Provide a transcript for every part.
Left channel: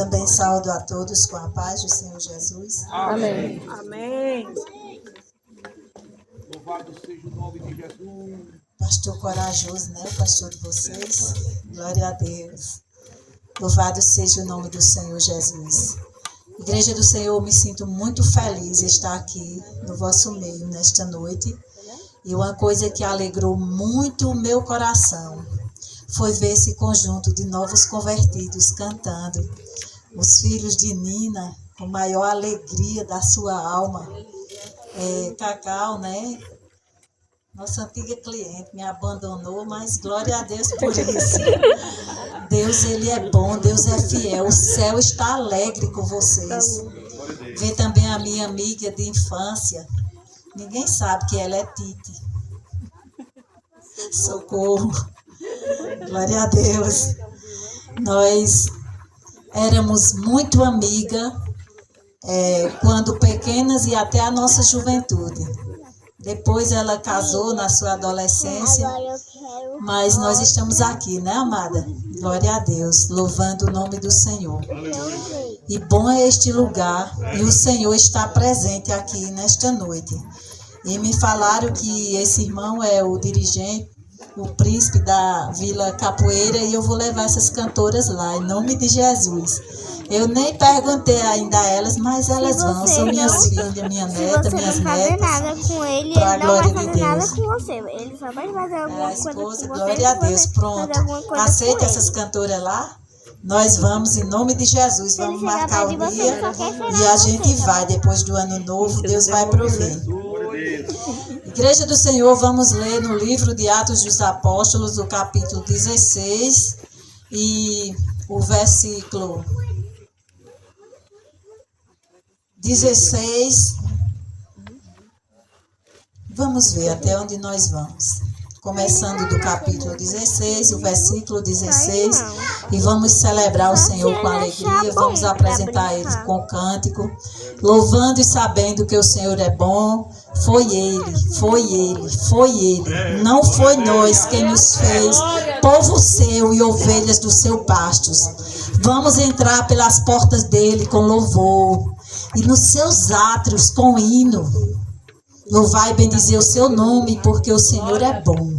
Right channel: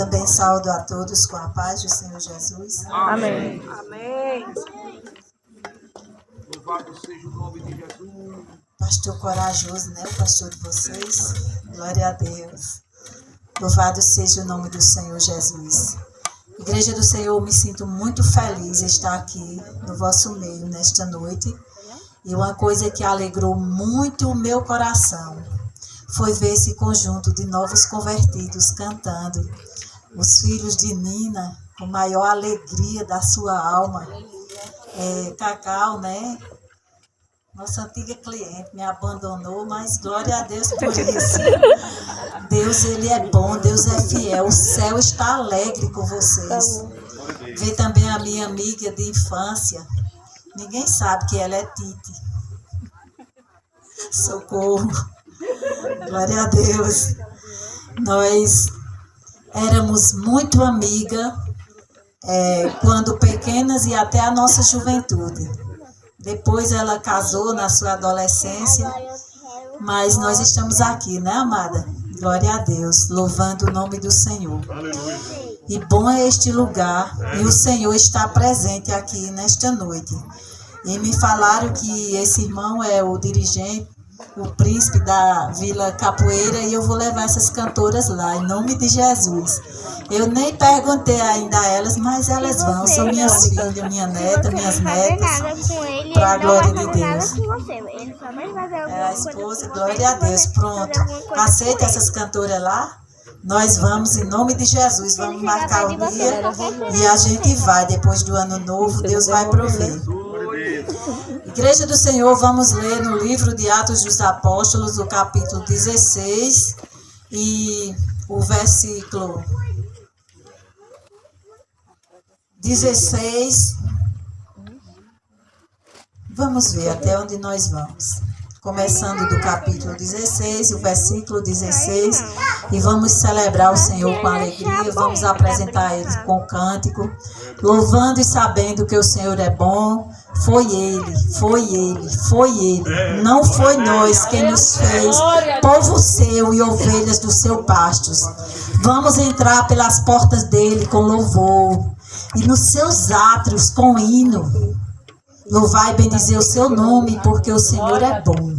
também saúdo a todos com a paz do Senhor Jesus. Amém. Amém. Louvado seja o nome de Jesus. Pastor corajoso, né? O pastor de vocês. Glória a Deus. Louvado seja o nome do Senhor Jesus. Igreja do Senhor, me sinto muito feliz de estar aqui no vosso meio nesta noite. E uma coisa que alegrou muito o meu coração foi ver esse conjunto de novos convertidos cantando. Os filhos de Nina, com maior alegria da sua alma. Cacau, né? Nossa antiga cliente me abandonou, mas glória a Deus por isso. Deus, Ele é bom, Deus é fiel. O céu está alegre com vocês. Ver também a minha amiga de infância. Ninguém sabe que ela é Tite. Socorro. Glória a Deus. Nós éramos muito amigas quando pequenas e até a nossa juventude. Depois ela casou na sua adolescência, mas nós estamos aqui, né, amada? Glória a Deus, louvando o nome do Senhor. E bom é este lugar, e o Senhor está presente aqui nesta noite. E me falaram que esse irmão é o dirigente, o príncipe da Vila Capoeira, e eu vou levar essas cantoras lá, em nome de Jesus. Eu nem perguntei ainda a elas, mas elas vão. São minhas filhas, minha neta, minhas netas. Para a glória de Deus. A esposa, glória a Deus. Pronto. Aceita essas cantoras lá? Nós vamos, em nome de Jesus, vamos marcar o dia e a gente vai. Depois do ano novo, Deus vai prover. Igreja do Senhor, vamos ler no livro de Atos dos Apóstolos, o capítulo 16 e o versículo 16. Vamos ver até onde nós vamos. Começando do capítulo 16, o versículo 16. E vamos celebrar o Senhor com alegria. Vamos apresentar Ele com cântico. Louvando e sabendo que o Senhor é bom. Foi Ele, foi Ele, foi Ele. Não foi nós quem nos fez povo seu e ovelhas do seu pastos. Vamos entrar pelas portas dele com louvor. E nos seus átrios com hino. Louvai e bendizer o seu nome, porque o Senhor é bom.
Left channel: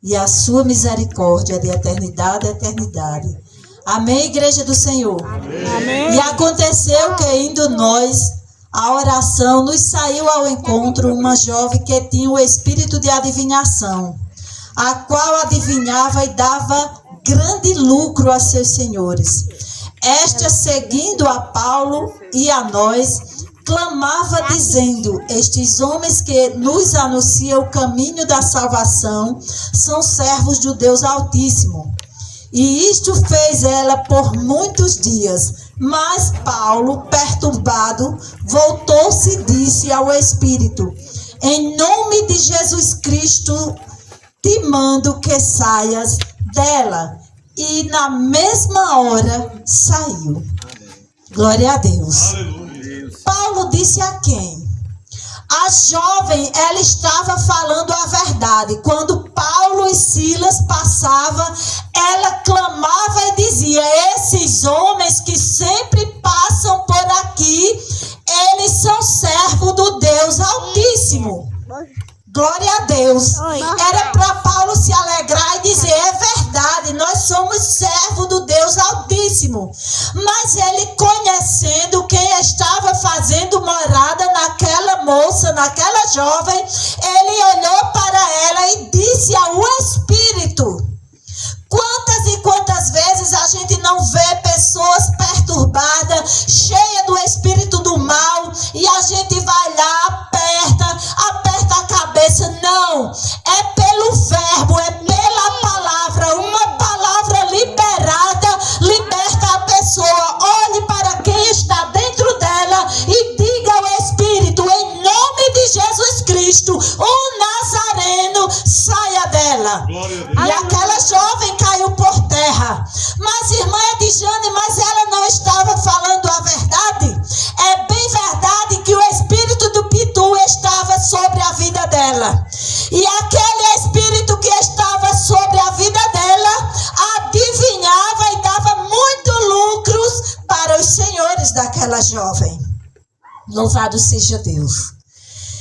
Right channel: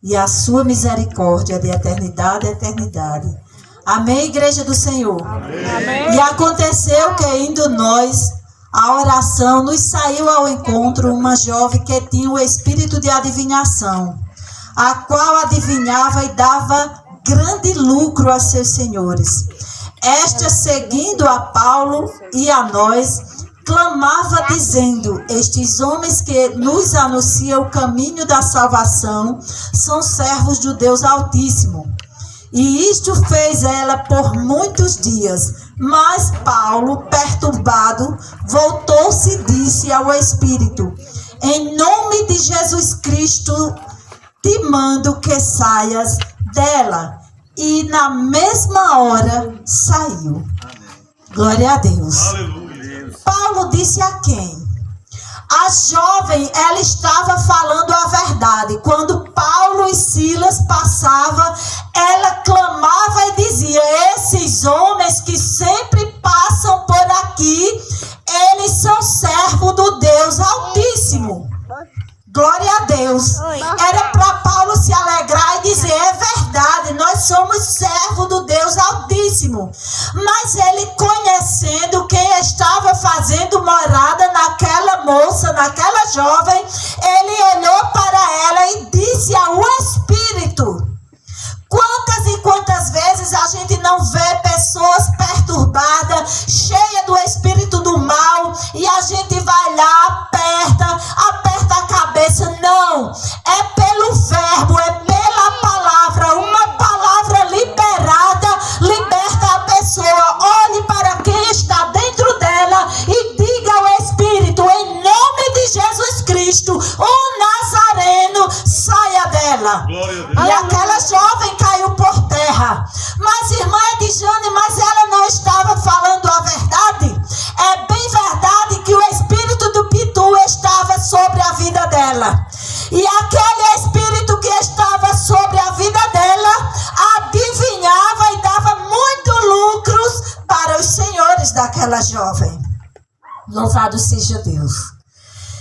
E a sua misericórdia é de eternidade a eternidade. Amém, igreja do Senhor? Amém. E aconteceu que, indo nós à oração, nos saiu ao encontro uma jovem que tinha o espírito de adivinhação, a qual adivinhava e dava grande lucro a seus senhores. Esta, seguindo a Paulo e a nós, clamava dizendo: estes homens que nos anunciam o caminho da salvação são servos do Deus Altíssimo. E isto fez ela por muitos dias. Mas Paulo, perturbado, voltou-se e disse ao Espírito: em nome de Jesus Cristo, te mando que saias dela. E na mesma hora saiu. Glória a Deus. Aleluia. Paulo disse a quem? A jovem, ela estava falando a verdade. Quando Paulo e Silas passavam, ela clamava e dizia: esses homens que sempre passam por aqui, eles são servos do Deus Altíssimo. Glória a Deus. Era para Paulo se alegrar e dizer: é verdade, nós somos servos do Deus Altíssimo. Mas ele, conhecendo quem estava fazendo morada naquela moça, naquela jovem, ele olhou para ela e disse ao Espírito: quantas e quantas aquela jovem. Louvado seja Deus.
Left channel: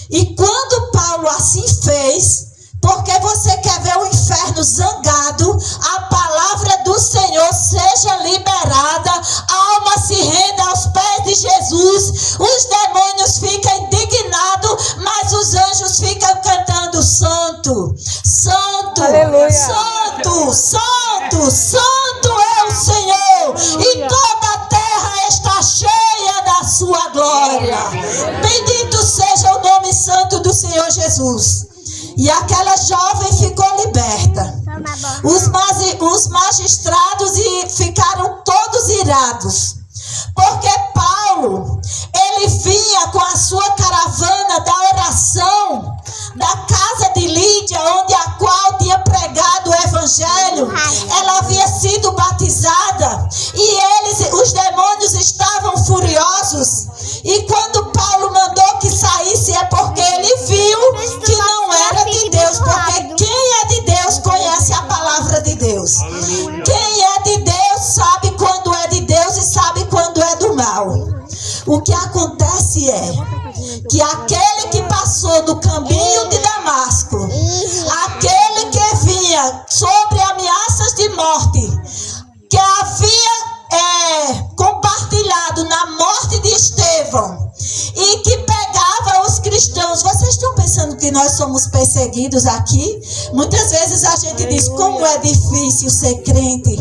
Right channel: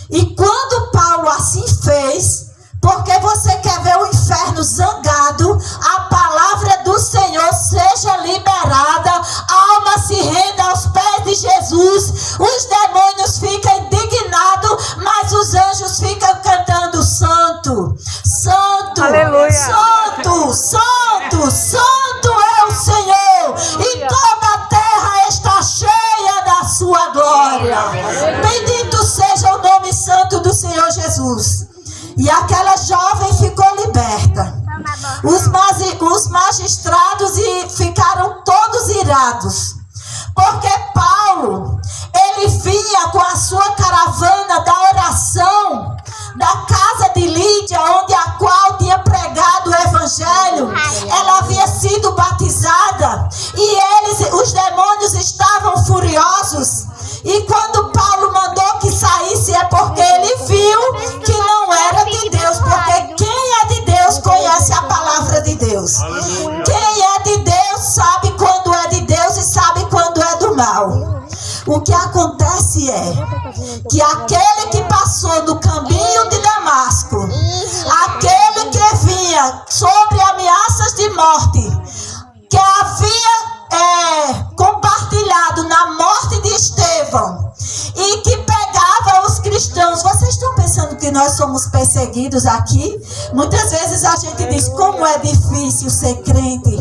E quando Paulo assim fez, porque você quer ver o inferno zangado, a palavra do Senhor seja liberada, a alma se renda aos pés de Jesus, os demônios ficam indignados, mas os anjos ficam cantando: Santo, Santo, Aleluia. Santo, Santo, Santo é o Senhor, e toda a terra está cheia da sua glória. Bendito seja o nome santo do Senhor Jesus. E aquela jovem ficou liberta. Os magistrados ficaram todos irados, porque Paulo, ele vinha com a sua caravana da oração da casa de Lídia, onde a qual tinha pregado o evangelho. Ela havia sido batizada e os demônios estavam furiosos. E quando Paulo mandou que saísse, é porque ele viu que não era de Deus, porque quem é de Deus conhece a palavra de Deus. Aleluia. Quem é de Deus sabe quando é de Deus e sabe quando é do mal. O que acontece é que aquele que passou do caminho de Damasco, aquele que vinha sobre ameaças de morte, que havia compartilhado na morte de Estevão e que pegava os cristãos. Vocês estão pensando que nós somos perseguidos aqui? Muitas vezes a gente diz: como é difícil ser crente,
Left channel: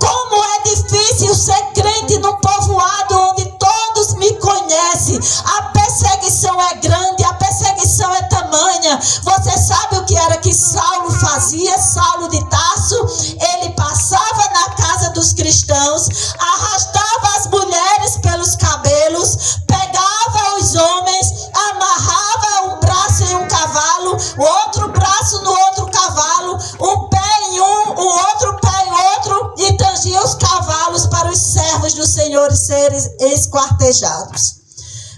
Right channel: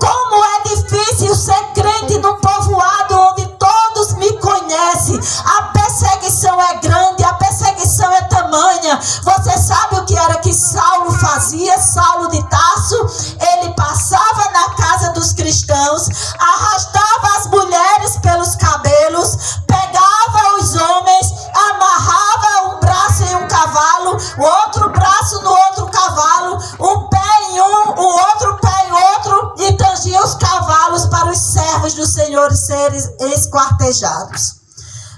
como é difícil ser crente num povoado onde todos me conhecem. A perseguição é grande, a perseguição é tamanha. Você sabe o que era que Saulo fazia? Saulo de Tarso, ele passava na casa dos cristãos, arrastava as mulheres pelos cabelos, pegava os homens, amarrava um braço em um cavalo, o outro braço no outro cavalo, um pé em um, o outro pé em outro, e tangia os cavalos para os servos do Senhor serem esquartejados.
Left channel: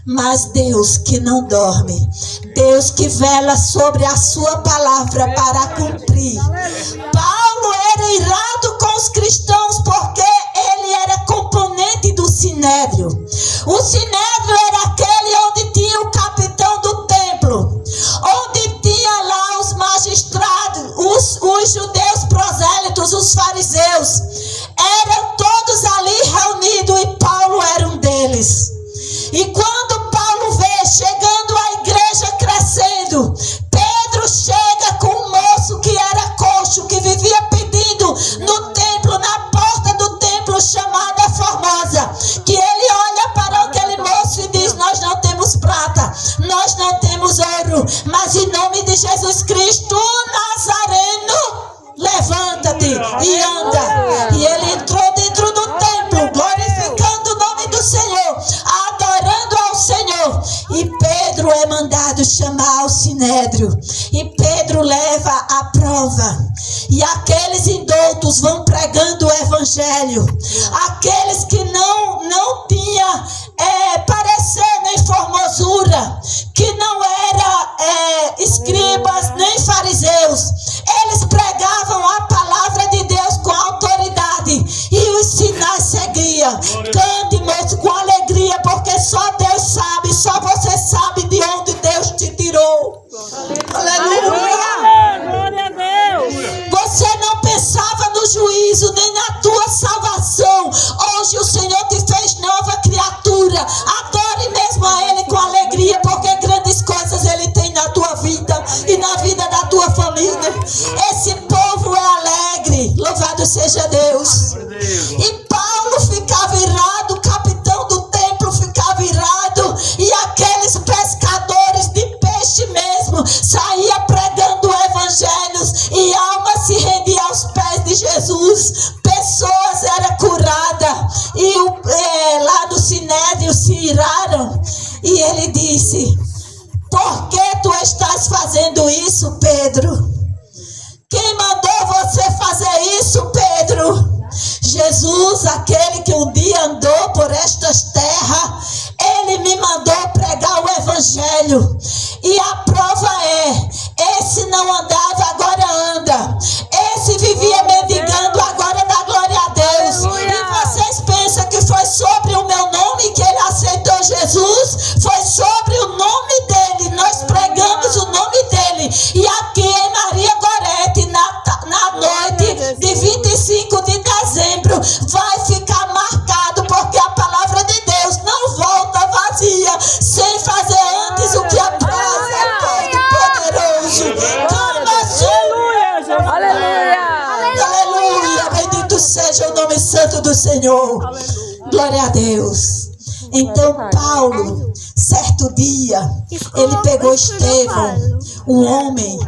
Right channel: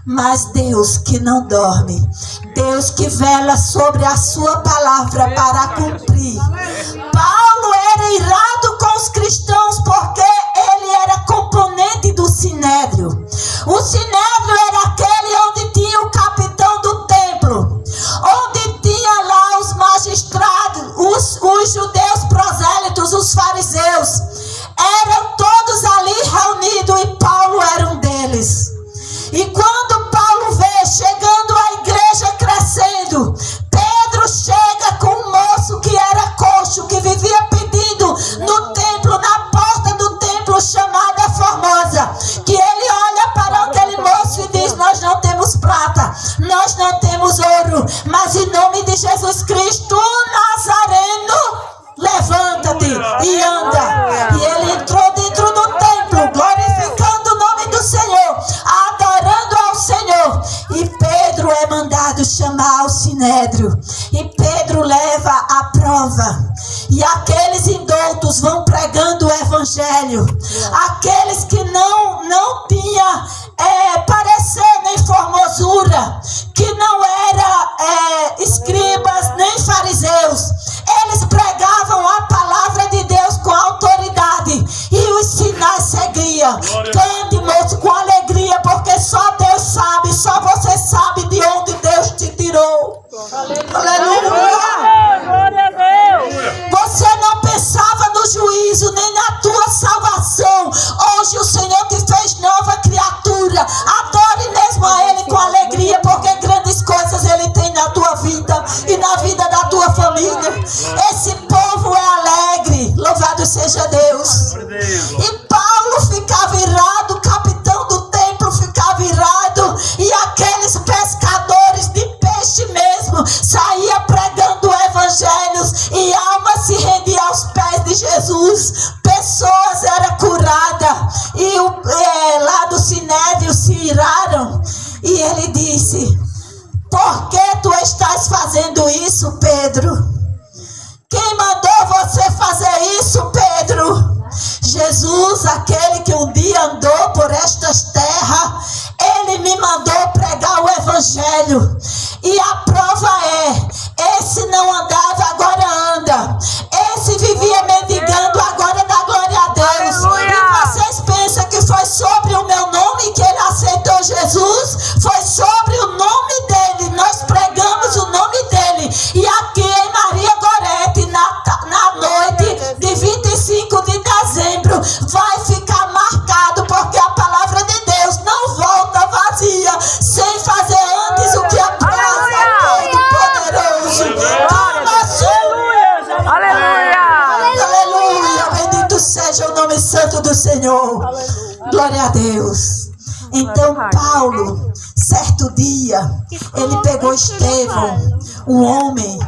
Mas Deus que não dorme, Deus que vela sobre a sua palavra para cumprir. Paulo era irado com os cristãos porque ele era componente do Sinédrio. O Sinédrio era aquele onde tinha o capitão do templo, onde tinha lá os magistrados, os judeus prosélitos, os fariseus. Eram todos ali reunidos e Paulo era um deles. E quando Paulo vê chegando a igreja crescendo, Pedro chega com um moço que era coxo, que vivia pedindo no templo, na porta do templo chamada Formosa, que ele olha para aquele moço e diz: nós não temos prata, nós não temos ouro, mas em nome de Jesus Cristo Nazareno, levanta-te e anda. E ele entrou dentro do templo, glorificando o nome do Senhor, adorando ao Senhor. E Pedro é mandado chamar ao Sinédrio, e Pedro leva a prova. E aqueles indoutos vão pregando o evangelho. Aqueles que não tinham parecer nem formosura, que não eram escribas nem fariseus, eles pregavam a palavra de Deus com autoridade, e os sinais seguiam. Cante, moço, com alegria, porque só Deus sabe, só você sabe de onde Deus te tirou. Aleluia. Glória a Deus. Você não pensava no juízo, nem na tua salvação. Hoje o Senhor te fez nova criatura. Adore mesmo a Ele com alegria, porque grandes coisas Ele tem na tua vida e na vida da tua família. Esse povo é alegre. Louvado seja Deus. E Paulo ficava irado, o capitão do templo ficava irado, e aqueles pescadores de peixe mesmo saía pregando evangelhos, e alma se rendia aos pés de Jesus. Pessoas eram curadas, e lá do Sinédrio se iraram, e ele disse: por que tu estás fazendo isso, Pedro? Quem mandou você fazer isso, Pedro? Jesus, aquele que um dia andou por estas terras, ele me mandou pregar o evangelho. E a prova esse não andava, agora anda. Esse vivia mendigando, agora dá glória a Deus. Aleluia. E vocês pensam que foi sobre o meu nome que ele aceitou nome santo do Senhor. Glória a Deus. Então Paulo, certo dia, ele pegou Estevão, um homem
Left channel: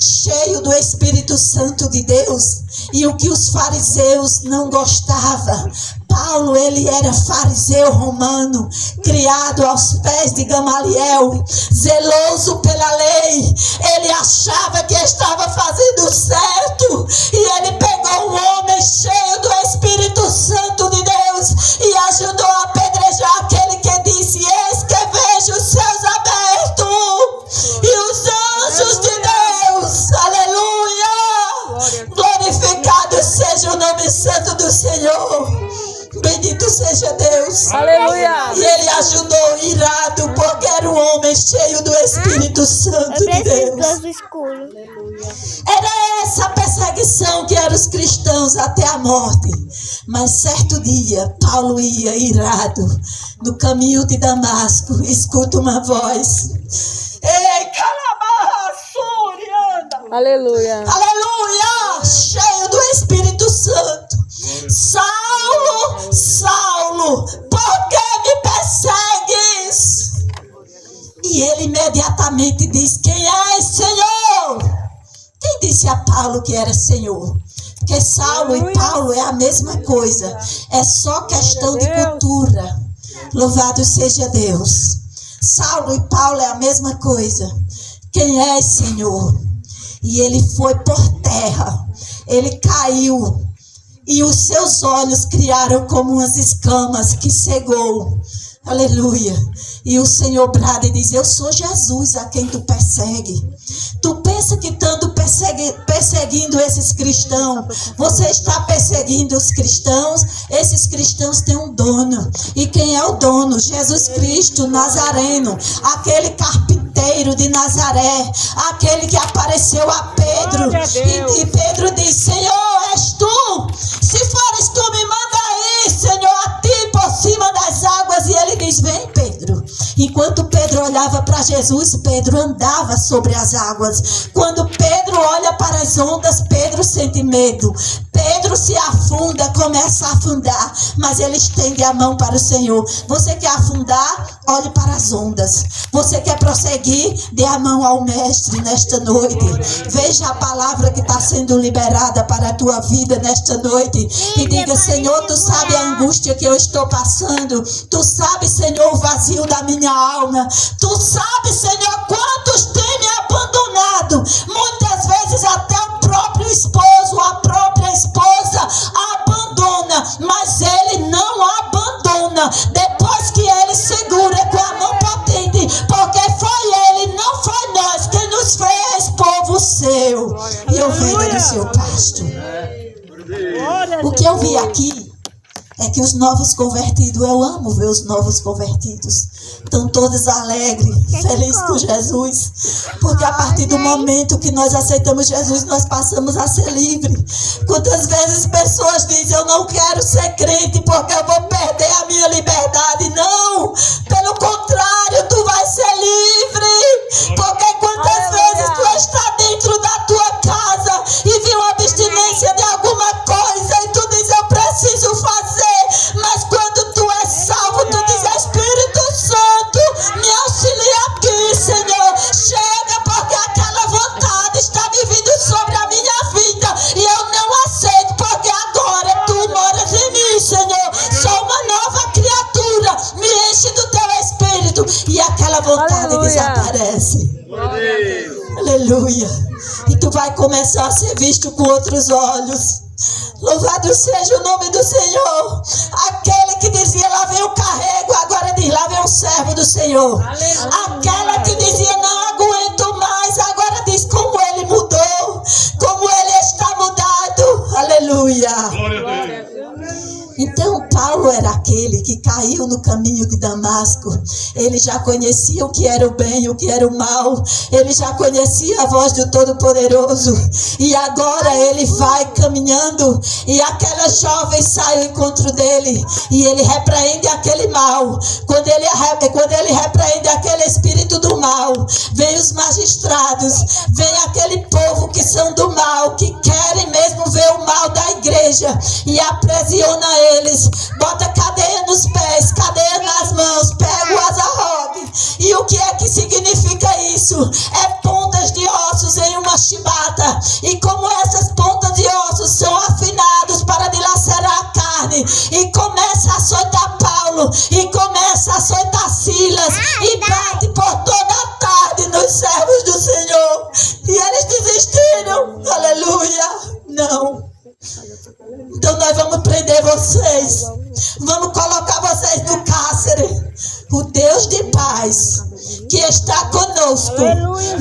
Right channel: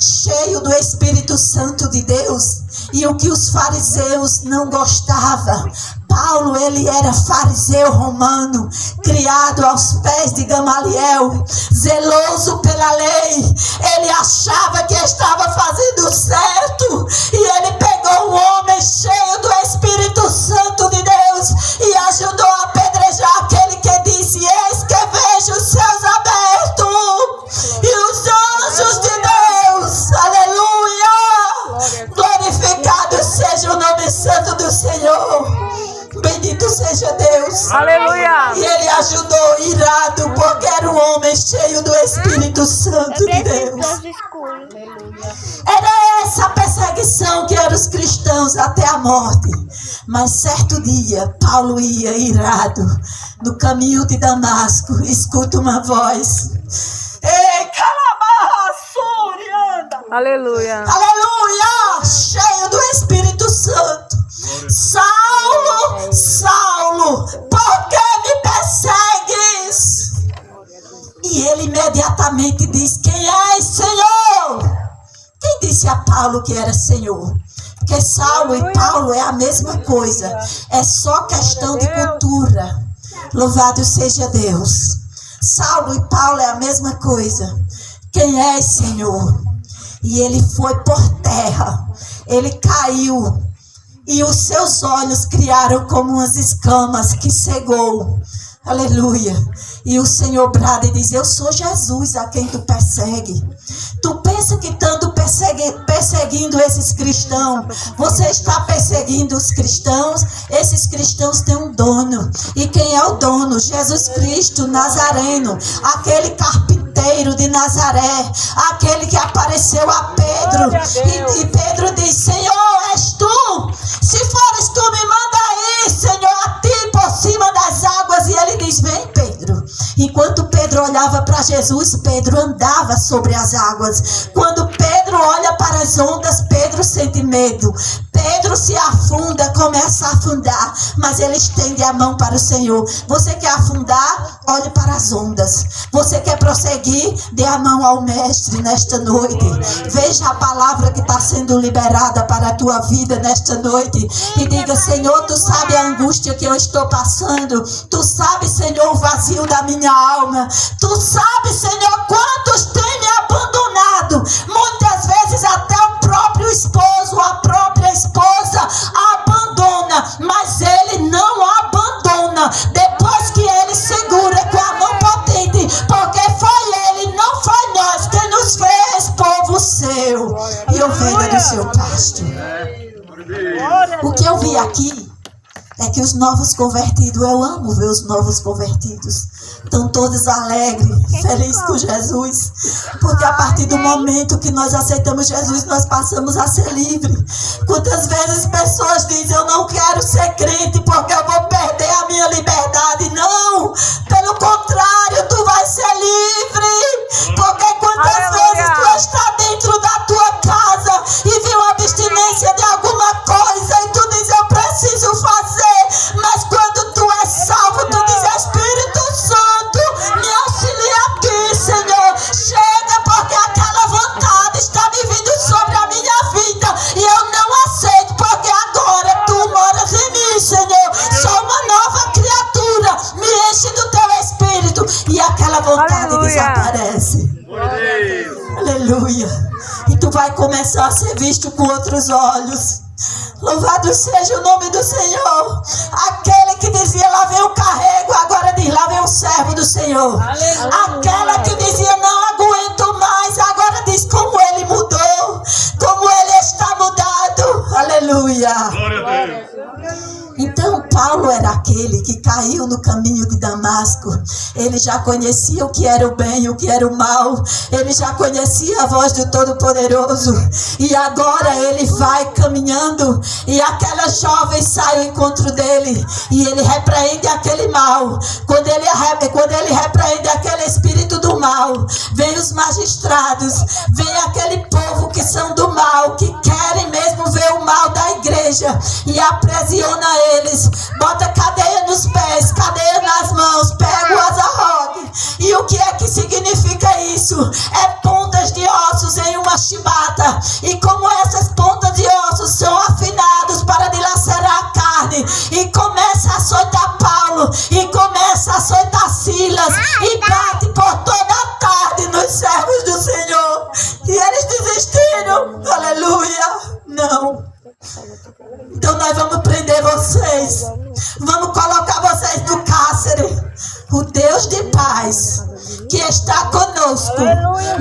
cheio do Espírito Santo de Deus, e o que os fariseus não gostavam. Paulo, ele era fariseu romano, criado aos pés de Gamaliel, zeloso pela lei. Ele achava que estava fazendo certo, e ele pegou um homem cheio do Espírito Santo de Deus e ajudou a apedrejar aquele que disse: eis que vejo os céus abertos e os anjos de Deus. Aleluia! Glorificado seja o nome santo do Senhor. Bendito seja Deus. Aleluia. E ele ajudou irado, porque era um homem cheio do Espírito Santo de Deus. Era essa a perseguição que eram os cristãos até a morte. Mas certo dia, Paulo ia irado no caminho de Damasco. Escuta uma voz: ei, calabarra, surianda. Aleluia. Aleluia! Cheio do Espírito Santo. Saulo, Saulo, por que me persegues? E ele imediatamente diz: quem és, Senhor? Quem disse a Paulo que era Senhor? Porque Saulo e Paulo é a mesma coisa. É só questão de cultura. Louvado seja Deus. Saulo e Paulo é a mesma coisa. Quem és, Senhor? E ele foi por terra. Ele caiu. E os seus olhos criaram como umas escamas que cegou. Aleluia. E o Senhor brada e diz: eu sou Jesus a quem tu persegue. Tu pensa que estando perseguindo esses cristãos, você está perseguindo os cristãos? Esses cristãos têm um dono. E quem é o dono? Jesus Cristo Nazareno, aquele carpinteiro de Nazaré, aquele que apareceu a Pedro. E Pedro diz: Senhor, és tu? Se fores tu, me manda aí, Senhor, a ti por cima das águas. E ele diz: vem, Pedro. Enquanto Pedro olhava para Jesus, Pedro andava sobre as águas. Quando Pedro olha para as ondas, Pedro sente medo. Pedro se afunda, começa a afundar, mas ele estende a mão para o Senhor. Você quer afundar? Olhe para as ondas. Você quer prosseguir? Dê a mão ao Mestre nesta noite. Veja a palavra que está sendo liberada para a tua vida nesta noite. E diga: Senhor, tu sabe a angústia que eu estou passando. Tu sabe, Senhor, o vazio da minha alma. Tu sabe, Senhor, quantos têm me abandonado. Muitas vezes até o próprio esposo, a própria esposa abandona, mas ele não abandona. Depois que ele segura com a mão potente, porque foi ele, não foi nós, quem nos fez povo seu e ovelha do seu pasto. O que eu vi aqui é que os novos convertidos, eu amo ver os novos convertidos, estão todos alegres, felizes com Jesus, porque a partir do momento que nós aceitamos Jesus, nós passamos a ser livres. Quantas vezes pessoas dizem: eu não quero ser crente porque eu vou perder a minha liberdade. Não, pelo contrário, tu vais ser livre, porque quantas vezes tu está dentro da tua casa e viu uma abstinência de alguma coisa e tu diz: eu preciso fazer, mas quando tu és salvo, tu diz: Espírito Santo, me auxilia aqui, Senhor. Chega, porque aquela vontade está me vindo sobre a minha vida e eu não aceito, porque agora tu moras em mim, Senhor. Sou uma nova criatura, me enche do teu Espírito e aquela vontade desaparece. Aleluia. E tu vai começar a ser visto com outros olhos. Louvado seja o nome do Senhor. Aquele que dizia: lá vem o carrego, agora diz: lá vem o servo do Senhor. Aquela que dizia: não aguento mais, agora diz: como ele mudou, como ele está mudado. Aleluia. Glória a Deus. Então Paulo era aquele que caiu no caminho de Damasco. Ele já conhecia o que era o bem e o que era o mal. Ele já conhecia a voz do Todo-Poderoso. E agora ele vai caminhando e aquela jovem sai ao encontro dele e ele repreende aquele mal. Quando ele repreende aquele espírito do mal, vem os magistrados, vem aquele povo que são do mal, que querem mesmo ver o mal da igreja e aprisiona eles, bota cadeia nos pés, cadeia nas mãos, pega o azarrogue. E o que é que significa isso? É pontas de ossos em uma chibata. E como essas pontas de ossos são afinados para dilacerar a carne, e começa a açoitar Paulo, e começa a açoitar Silas, e bate por toda a tarde nos servos do Senhor. E eles desistiram. Aleluia. Não. Então nós vamos prender vocês. Vamos colocar vocês no cárcere. O Deus de paz, que está conosco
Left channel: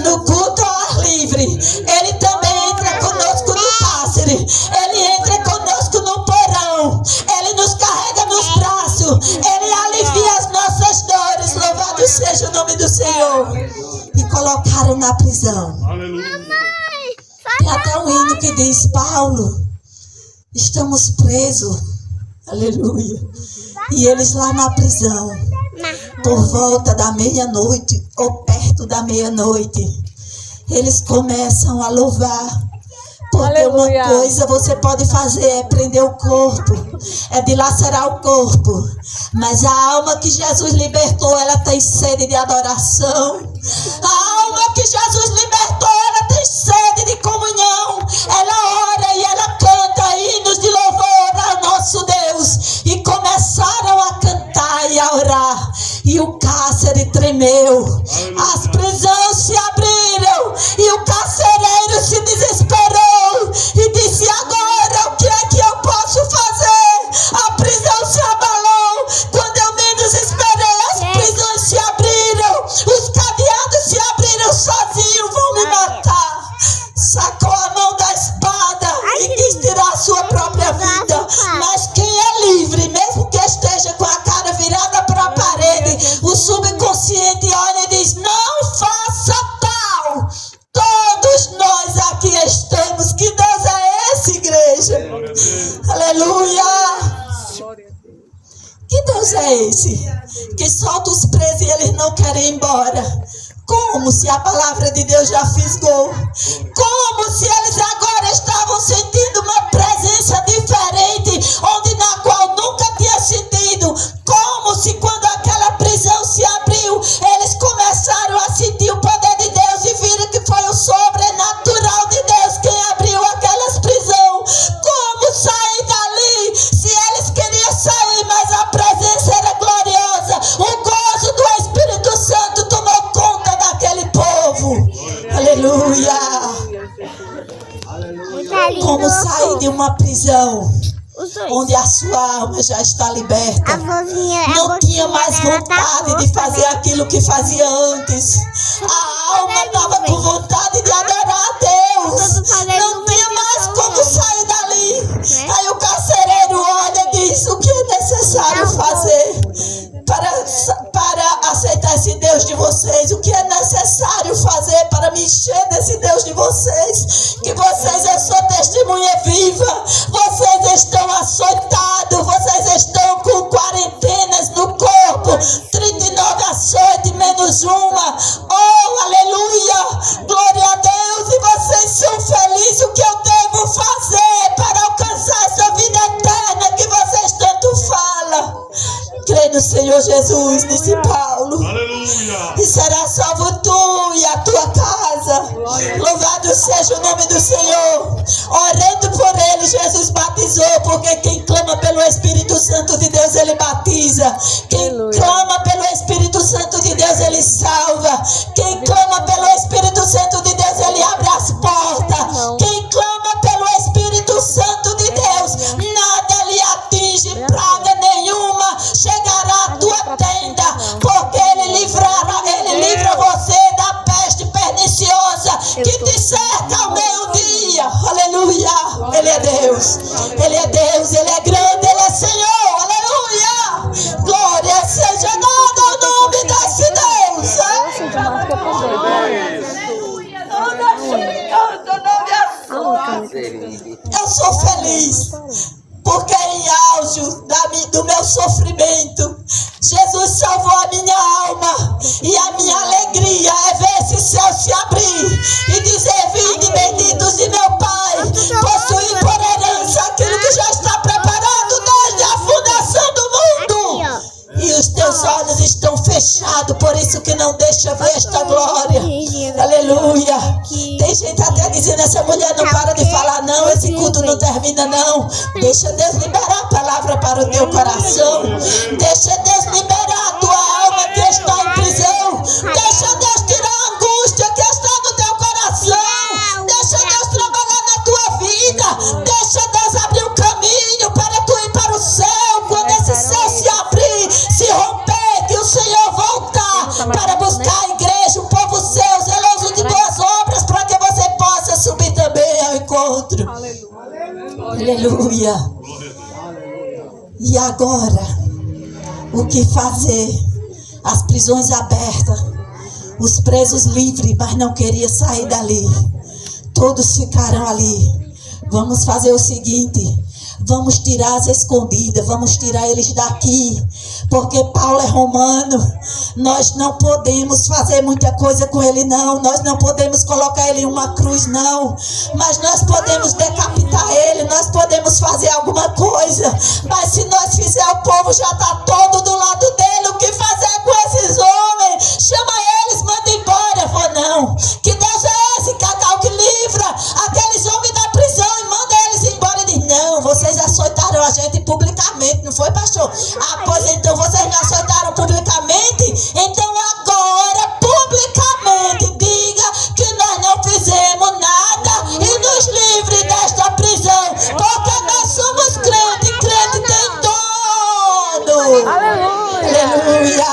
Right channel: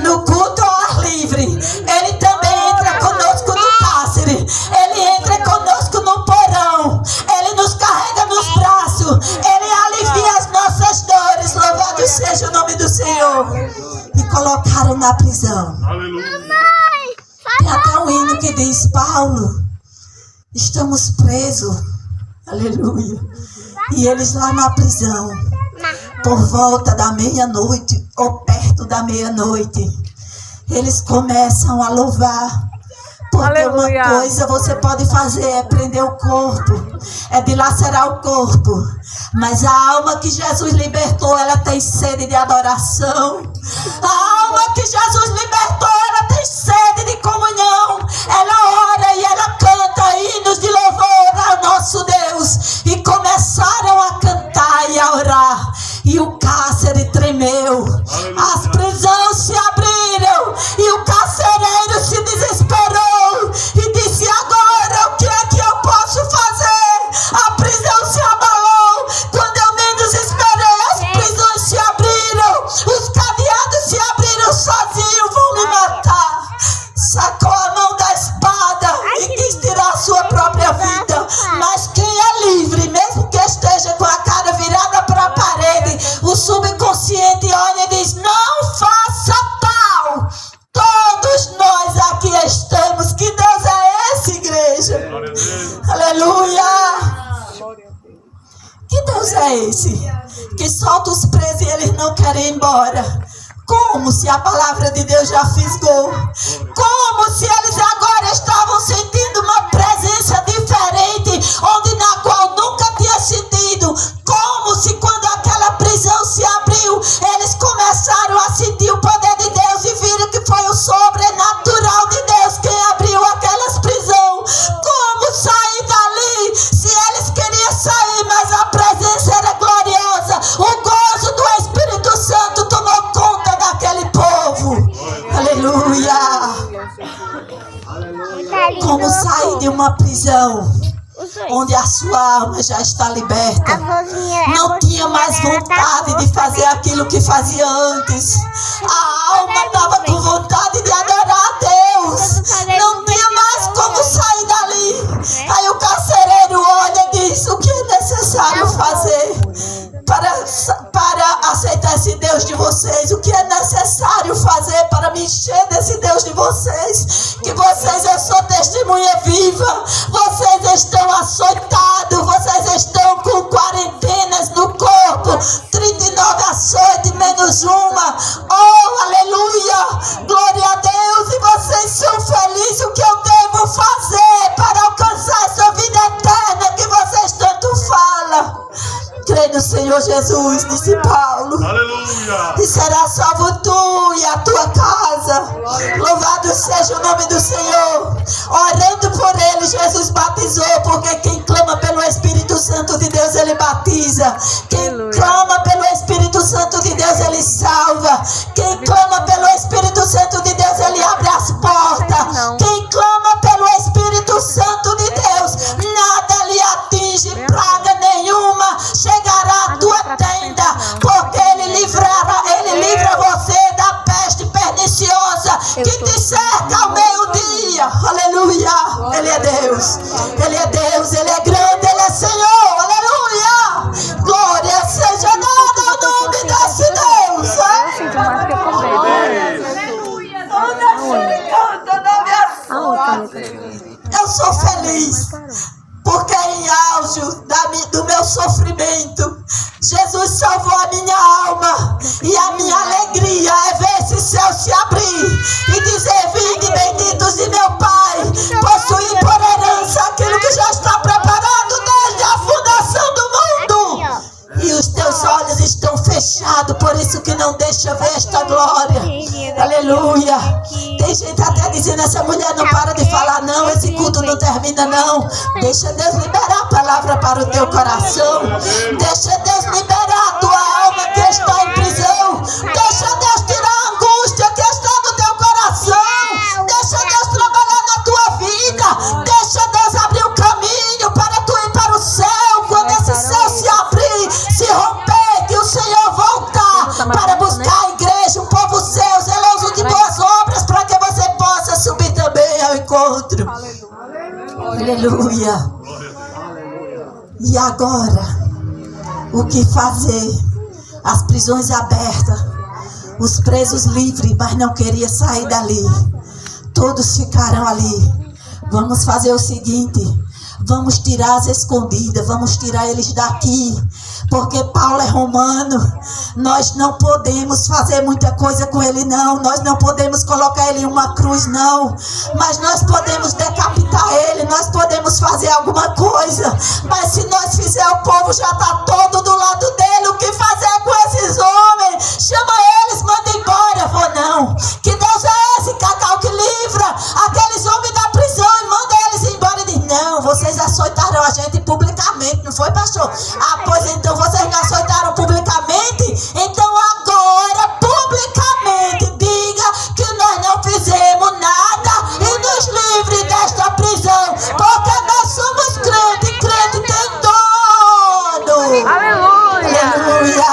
no culto ao ar livre, Ele também entra conosco no cárcere. Ele entra conosco no porão. Ele nos carrega nos braços. Ele alivia as nossas dores. Louvado seja o nome do Senhor. E colocaram na prisão. Aleluia. Tem até um hino que diz: Paulo, estamos presos. Aleluia. E eles lá na prisão, por volta da meia-noite, ou perto da meia-noite, eles começam a louvar. Porque Aleluia. Uma coisa você pode fazer é prender o corpo, é dilacerar o corpo. Mas a alma que Jesus libertou, ela tem sede de adoração. A alma que Jesus libertou, ela tem sede de comunhão. Ela ora e ela canta hinos de louvor ao nosso Deus. E começaram a cantar e a orar. E o cárcere tremeu. As prisões se abriram. E o carcereiro se desesperou. E disse: agora o que é que eu posso fazer? A prisão se abalou. Quando eu menos esperei, as prisões se abriram. Os cadeados se abriram sozinhos. Vão me matar. Sacou a mão da espada e quis tirar a sua própria vida. Mas quem é livre, mesmo que esteja com a cara virada para a parede, o subconsciente olha e diz: não faça tal. Todos nós aqui estamos. Que Deus é esse, igreja? Aleluia. Que Deus é esse? Que solta os presos e eles não querem ir embora. Como se a palavra de Deus já fisgou. Como se eles agora estavam sentindo uma presença diferente, onde na qual nunca tinha sentido. Como se quando aquela prisão se abriu, eles começaram a sentir o poder de Deus e viram que foi o sobrenatural de Deus quem abriu aquelas prisões. Como sair dali se eles queriam sair, mas a presença era gloriosa. O gozo do Espírito Santo tomou conta daquele povo. Aleluia. Como sair de uma prisão onde a sua alma já está liberta. Não tinha mais vontade de fazer aquilo que fazia antes. A alma estava com vontade de adorar a Deus. Não tinha mais como sair dali. Aí o carcereiro olha e diz: o que é necessário fazer para aceitar esse Deus de vocês? O que é necessário fazer para me encher desse Deus de vocês? Que vocês, eu sou testemunha viva. Vocês estão açoitados, vocês estão com quarentenas no corpo, 39 açoites menos uma. Oh, aleluia, glória a Deus. E vocês são felizes. O que eu devo fazer para alcançar essa vida eterna que vocês tanto falam? Crê no Senhor Jesus, disse Paulo. Aleluia. E será salvo tu e a tua casa. Louvado seja o nome do Senhor. Orando por ele, Jesus batizou. Porque quem clama pelo Espírito Santo de Deus, ele batiza. Quem clama pelo Espírito Santo de Deus, ele salva. Quem clama pelo Espírito Santo de Deus, ele abre as portas. Quem clama pelo Espírito Santo de Deus, nada lhe atinge, praga nenhuma chegará à tua tenda, porque ele livra você da peste perniciosa que te cerca ao meio-dia. Aleluia. Ele é Deus, Ele é Deus, Ele é grande, Ele é Senhor. auge do meu sofrimento. Jesus salvou a minha alma. E a minha alegria é ver esse céu se abrir e dizer: vinde benditos de meu Pai, possuir por herança aquilo que já está preparado desde a fundação do mundo. E os teus olhos estão fechados, por isso que não deixa ver esta glória. Aleluia. Tem gente até dizendo: essa mulher não para de falar não, esse culto não termina não. Deixa Deus liberar a palavra para o teu coração. Deixa Deus liberar a tua alma que está em prisão. Deixa Deus tirar a angústia que está no teu coração. Deixa Deus trabalhar na tua vida. Deixa Deus abrir o caminho para tu ir para o céu. Quando esse céu se abrir, se romper, que o Senhor voltar para buscar a igreja, o povo seu, zeloso de boas obras, para que você possa subir também ao encontro. Aleluia. E agora, o que fazer? As prisões abertas, os presos livres, mas não queriam sair dali. Todos ficaram ali. Vamos fazer o seguinte: vamos tirar as escondidas, vamos tirar eles daqui, porque Paulo é romano. Nós não podemos fazer muita coisa com ele não, nós não podemos colocar ele em uma cruz não, mas nós podemos decapitar ele, nós podemos fazer alguma coisa, mas se nós fizer, o povo já está todo do lado dele. O que fazer com esses homens? Chama eles, manda embora. Vou não. Que Deus é esse, Cacau, que livra aqueles homens da prisão e manda eles embora? E diz: não, vocês açoitaram a gente publicamente, não foi, pastor? Ah, pois então vocês não açoitaram publicamente? Então agora, publicamente, diga que nós não fizemos nada e nos livre desta prisão, porque nós somos crentes, crente tem dono. Aleluia! Aleluia!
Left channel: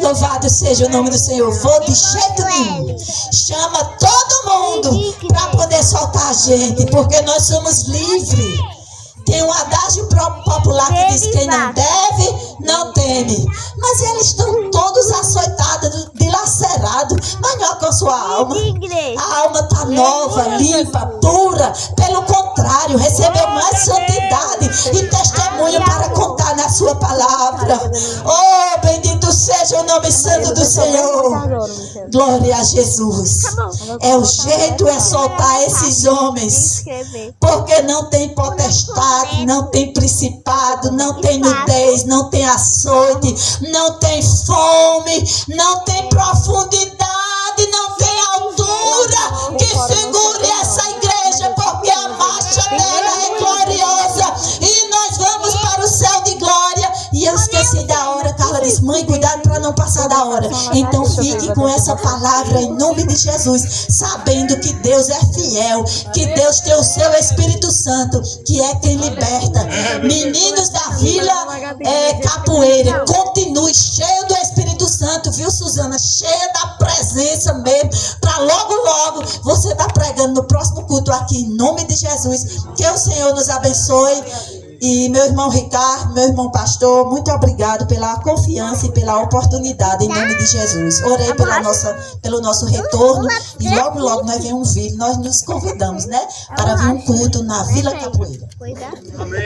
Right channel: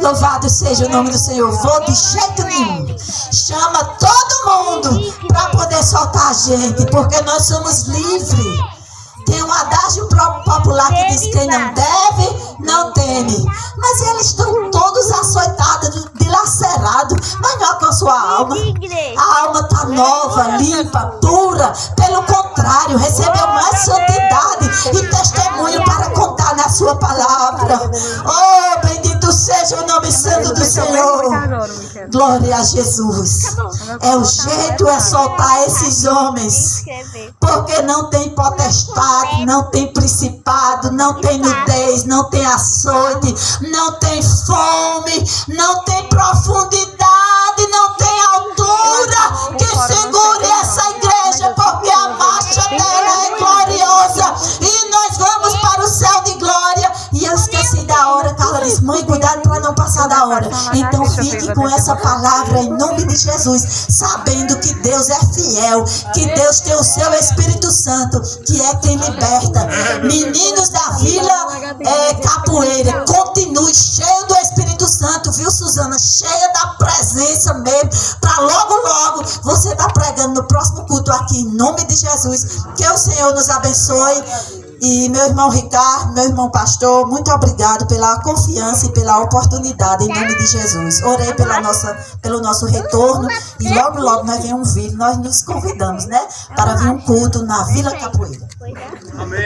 Louvado seja o nome do Senhor. Vou de jeito nenhum. Chama todo mundo para poder soltar a gente, porque nós somos livres. Tem um adágio popular que diz: quem não deve, não teme. Mas eles estão todos açoitados, dilacerados, mas não alcançou a alma. A alma está nova, limpa, pura. Pelo contrário, recebeu mais santidade e testemunho para contar na sua palavra. Oh, bendito seja o nome santo do Senhor. Glória a Jesus. É o jeito, é soltar esses homens, porque não tem potestade, não tem principado, não tem nudez, não tem açoite, não tem fome, não tem profundidade, não tem altura que segure essa igreja, porque a marcha dela é gloriosa e nós vamos para o céu de glória. E eu esqueci da hora. Carla disse: mãe, cuidado para não passar da hora. Então fique com essa palavra em nome de Jesus, sabendo que Deus é fiel, que Deus tem o seu Espírito Santo, que é quem liberta. Meninos da Vila Capoeira, continue cheio do Espírito Santo, viu, Suzana? Cheia da presença mesmo, para logo você tá pregando no próximo culto aqui, em nome de Jesus. Que o Senhor nos abençoe. E meu irmão Ricardo, meu irmão pastor, muito obrigado pela confiança e pela oportunidade, em nome de Jesus. Orei pelo nosso retorno e logo nós vemos um vídeo, nós nos convidamos, né, para vir um culto na Vila Capoeira. Amém.